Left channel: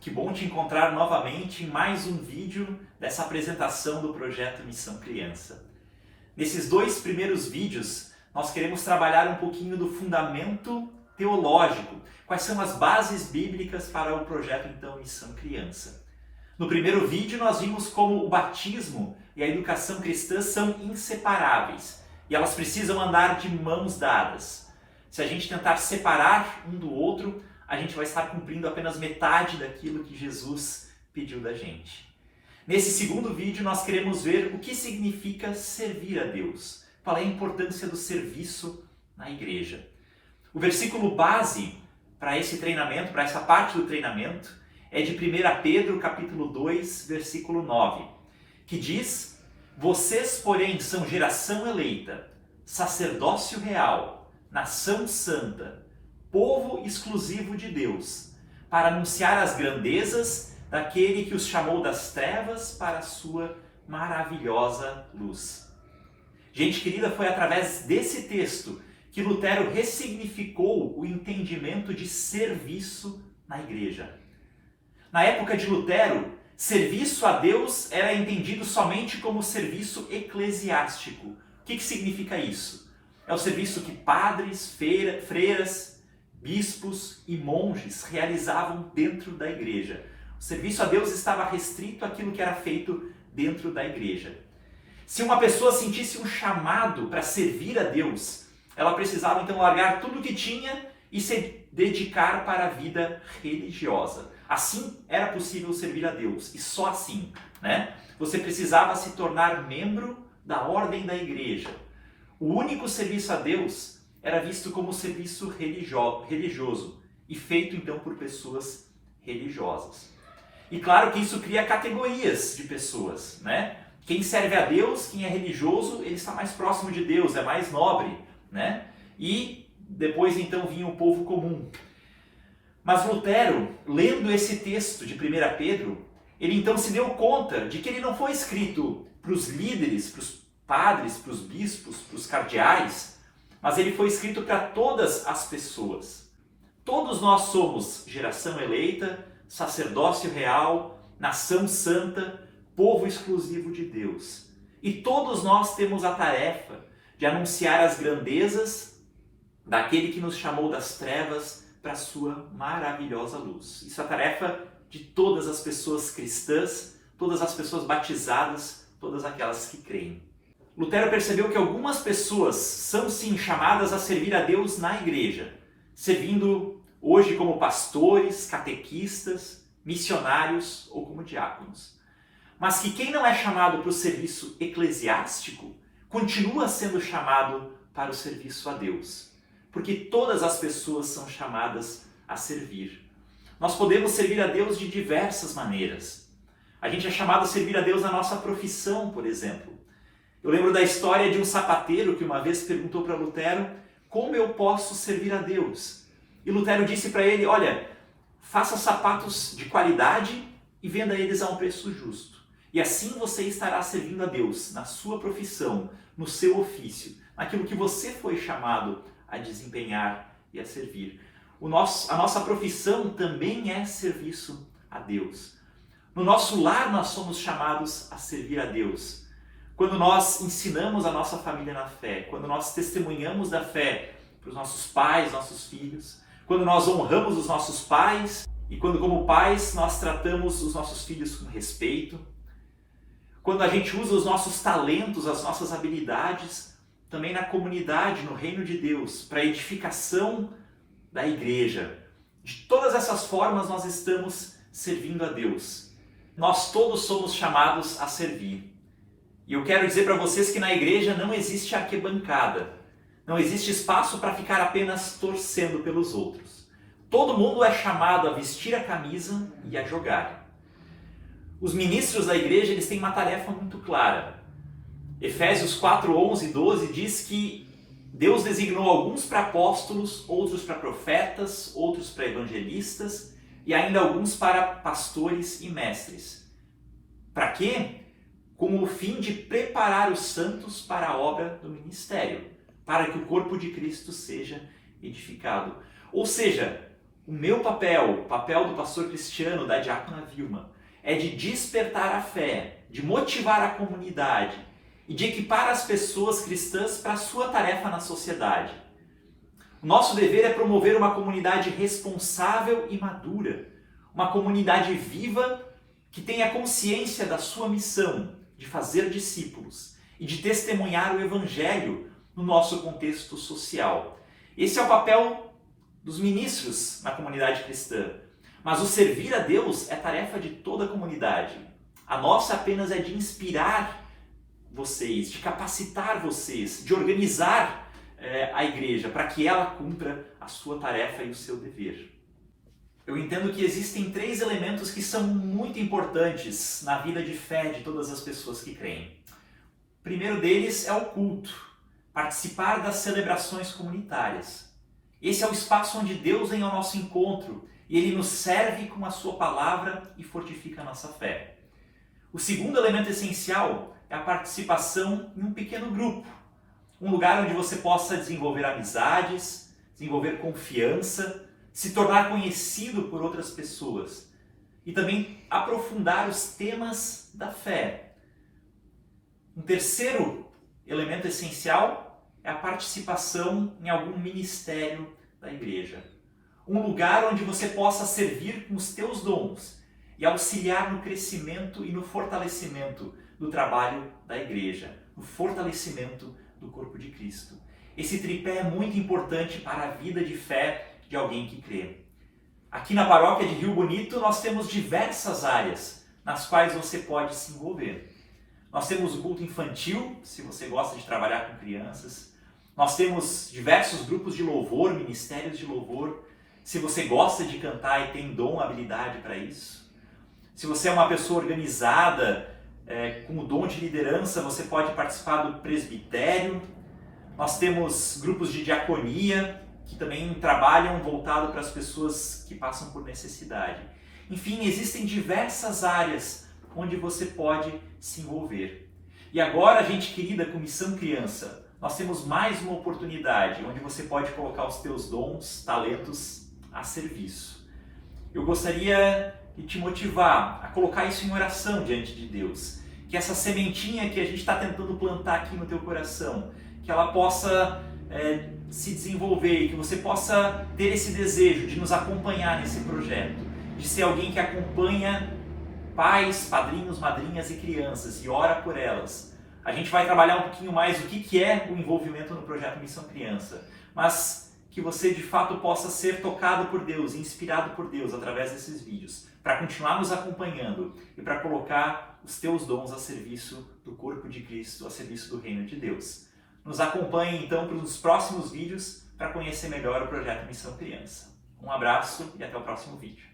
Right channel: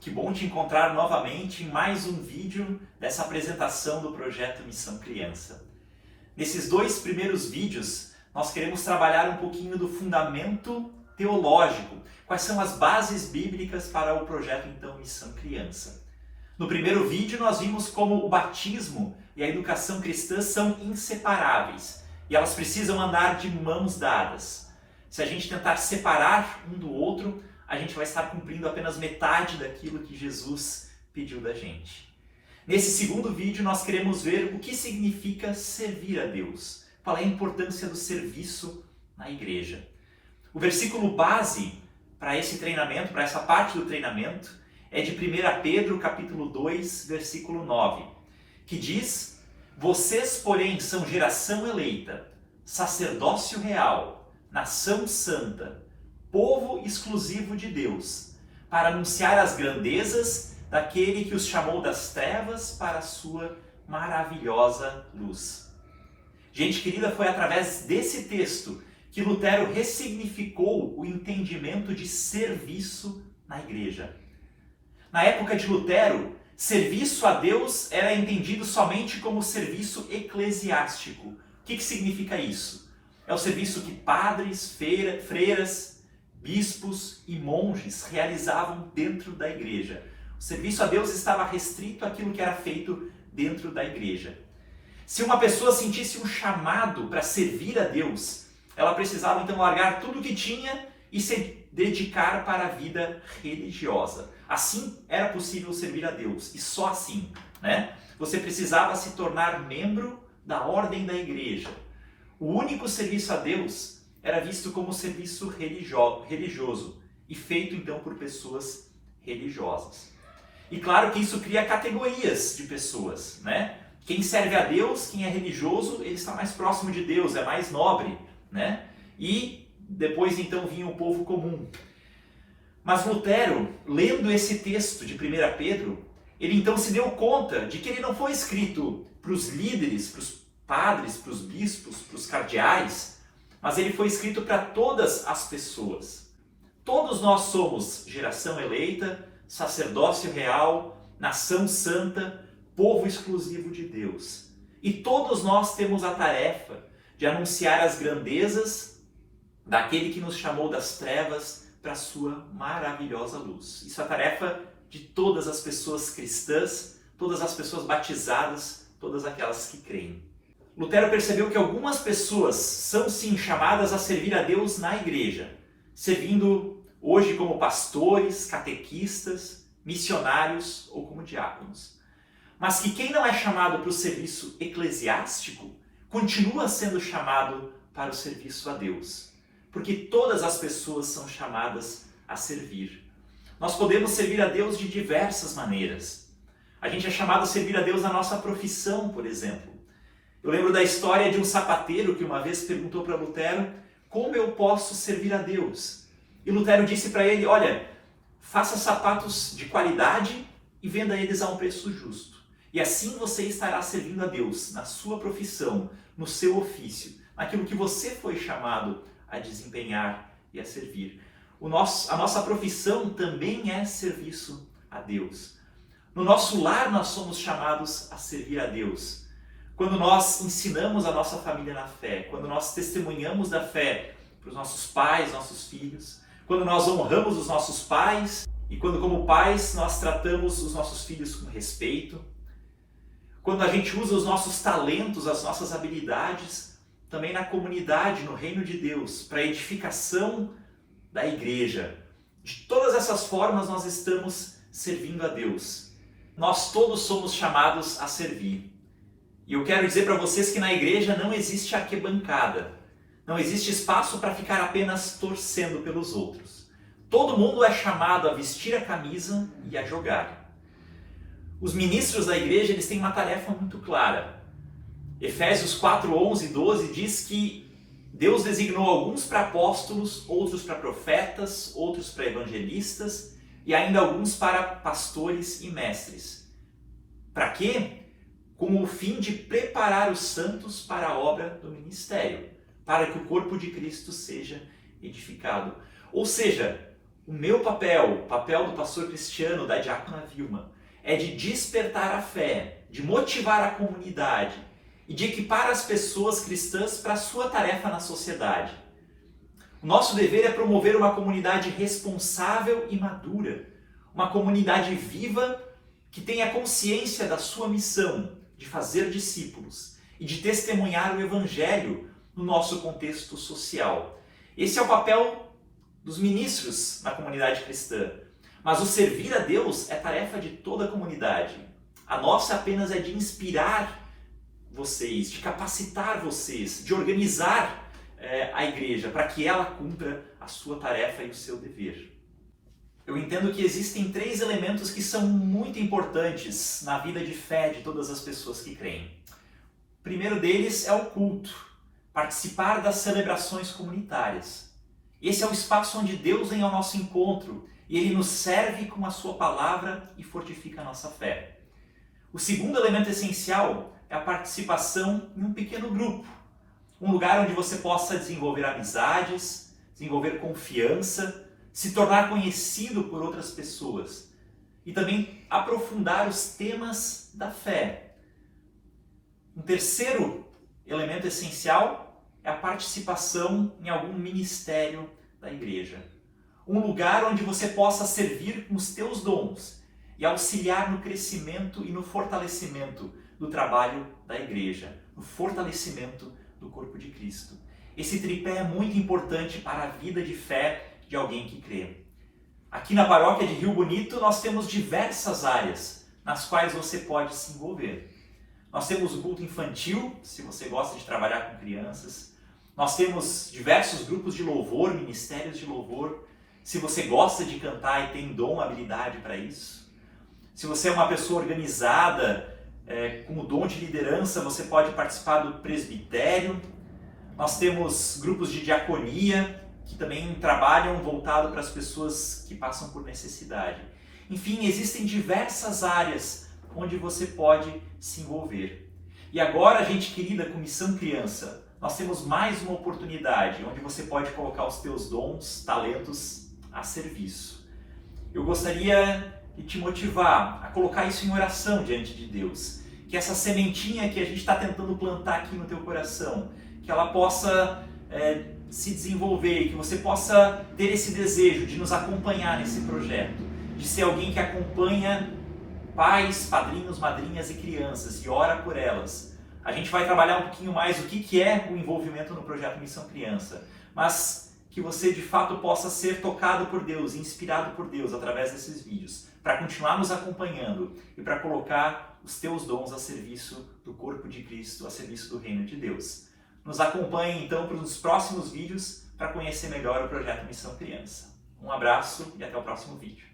Que bom te encontrar novamente em mais um vídeo dessa apresentação do projeto Missão Criança. Nesses dois primeiros vídeos, nós queremos trabalhar um pouquinho do fundamento teológico, quais são as bases bíblicas para o projeto então Missão Criança. No primeiro vídeo nós vimos como o batismo e a educação cristã são inseparáveis e elas precisam andar de mãos dadas. Se a gente tentar separar um do outro, a gente vai estar cumprindo apenas metade daquilo que Jesus pediu da gente. Nesse segundo vídeo nós queremos ver o que significa servir a Deus, qual é a importância do serviço na igreja. O versículo base para esse treinamento, para essa parte do treinamento, é de 1 Pedro capítulo 2, versículo 9, que diz: "Vocês, porém, são geração eleita, sacerdócio real, nação santa, povo exclusivo de Deus, para anunciar as grandezas daquele que os chamou das trevas para a sua maravilhosa luz." Gente querida, foi através desse texto que Lutero ressignificou o entendimento de serviço na igreja. Na época de Lutero, serviço a Deus era entendido somente como serviço eclesiástico. O que significa isso? É o serviço que padres, freiras, bispos e monges realizavam dentro da igreja. O serviço a Deus estava restrito àquilo que era feito dentro da igreja. Se uma pessoa sentisse um chamado para servir a Deus, ela precisava então largar tudo o que tinha e se dedicar para a vida religiosa. Assim era possível servir a Deus, e só assim, né? Você precisava se tornar membro da ordem da igreja. O único serviço a Deus era visto como serviço religioso e feito então por pessoas religiosas. E claro que isso cria categorias de pessoas, né? Quem serve a Deus, quem é religioso, ele está mais próximo de Deus, é mais nobre, né? E depois então vinha o povo comum. Mas Lutero, lendo esse texto de 1 Pedro, ele então se deu conta de que ele não foi escrito para os líderes, para os padres, para os bispos, para os cardeais, mas ele foi escrito para todas as pessoas. Todos nós somos geração eleita, sacerdócio real, nação santa, povo exclusivo de Deus. E todos nós temos a tarefa de anunciar as grandezas daquele que nos chamou das trevas para a sua maravilhosa luz. Isso é a tarefa de todas as pessoas cristãs, todas as pessoas batizadas, todas aquelas que creem. Lutero percebeu que algumas pessoas são sim chamadas a servir a Deus na igreja, servindo hoje como pastores, catequistas, missionários ou como diáconos. Mas que quem não é chamado para o serviço eclesiástico, continua sendo chamado para o serviço a Deus. Porque todas as pessoas são chamadas a servir. Nós podemos servir a Deus de diversas maneiras. A gente é chamado a servir a Deus na nossa profissão, por exemplo. Eu lembro da história de um sapateiro que uma vez perguntou para Lutero: como eu posso servir a Deus? E Lutero disse para ele: olha, faça sapatos de qualidade e venda eles a um preço justo. E assim você estará servindo a Deus na sua profissão, no seu ofício, naquilo que você foi chamado a desempenhar e a servir. A nossa profissão também é serviço a Deus. No nosso lar nós somos chamados a servir a Deus. Quando nós ensinamos a nossa família na fé, quando nós testemunhamos da fé para os nossos pais, nossos filhos, quando nós honramos os nossos pais e quando como pais nós tratamos os nossos filhos com respeito, quando a gente usa os nossos talentos, as nossas habilidades, também na comunidade, no reino de Deus, para a edificação da igreja. De todas essas formas nós estamos servindo a Deus. Nós todos somos chamados a servir. E eu quero dizer para vocês que na igreja não existe arquibancada. Não existe espaço para ficar apenas torcendo pelos outros. Todo mundo é chamado a vestir a camisa e a jogar. Os ministros da igreja, eles têm uma tarefa muito clara. Efésios 4, 11 e 12 diz que Deus designou alguns para apóstolos, outros para profetas, outros para evangelistas e ainda alguns para pastores e mestres. Para quê? Com o fim de preparar os santos para a obra do ministério, para que o corpo de Cristo seja edificado. Ou seja, O meu papel, o papel do pastor Cristiano, da diácona Vilma, é de despertar a fé, de motivar a comunidade e de equipar as pessoas cristãs para a sua tarefa na sociedade. O nosso dever é promover uma comunidade responsável e madura, uma comunidade viva que tenha consciência da sua missão de fazer discípulos e de testemunhar o Evangelho no nosso contexto social. Esse é o papel dos ministros na comunidade cristã. Mas o servir a Deus é tarefa de toda a comunidade. A nossa apenas é de inspirar vocês, de capacitar vocês, de organizar a igreja para que ela cumpra a sua tarefa e o seu dever. Eu entendo que existem 3 elementos que são muito importantes na vida de fé de todas as pessoas que creem. O primeiro deles é o culto, participar das celebrações comunitárias. Esse é o espaço onde Deus vem ao nosso encontro e Ele nos serve com a sua palavra e fortifica a nossa fé. O segundo elemento essencial é a participação em um pequeno grupo, um lugar onde você possa desenvolver amizades, desenvolver confiança, se tornar conhecido por outras pessoas e também aprofundar os temas da fé. Um terceiro elemento essencial é a participação em algum ministério da igreja. Um lugar onde você possa servir com os teus dons e auxiliar no crescimento e no fortalecimento do trabalho da igreja, no fortalecimento do corpo de Cristo. Esse tripé é muito importante para a vida de fé de alguém que crê. Aqui na paróquia de Rio Bonito nós temos diversas áreas nas quais você pode se envolver. Nós temos o culto infantil, se você gosta de trabalhar com crianças. Nós temos diversos grupos de louvor, ministérios de louvor, se você gosta de cantar e tem dom, habilidade para isso. Se você é uma pessoa organizada, com o dom de liderança, você pode participar do presbitério. Nós temos grupos de diaconia, que também trabalham voltado para as pessoas que passam por necessidade. Enfim, existem diversas áreas onde você pode se envolver. E agora, gente querida, com Missão Criança, nós temos mais uma oportunidade onde você pode colocar os teus dons, talentos a serviço. Eu gostaria de te motivar a colocar isso em oração diante de Deus. Que essa sementinha que a gente está tentando plantar aqui no teu coração, que ela possa se desenvolver e que você possa ter esse desejo de nos acompanhar nesse projeto, de ser alguém que acompanha pais, padrinhos, madrinhas e crianças e ora por elas. A gente vai trabalhar um pouquinho mais o que é o envolvimento no projeto Missão Criança, mas que você de fato possa ser tocado por Deus, inspirado por Deus através desses vídeos, para continuar nos acompanhando e para colocar os teus dons a serviço do corpo de Cristo, a serviço do reino de Deus. Nos acompanhe então para os próximos vídeos para conhecer melhor o projeto Missão Criança. Um abraço e até o próximo vídeo.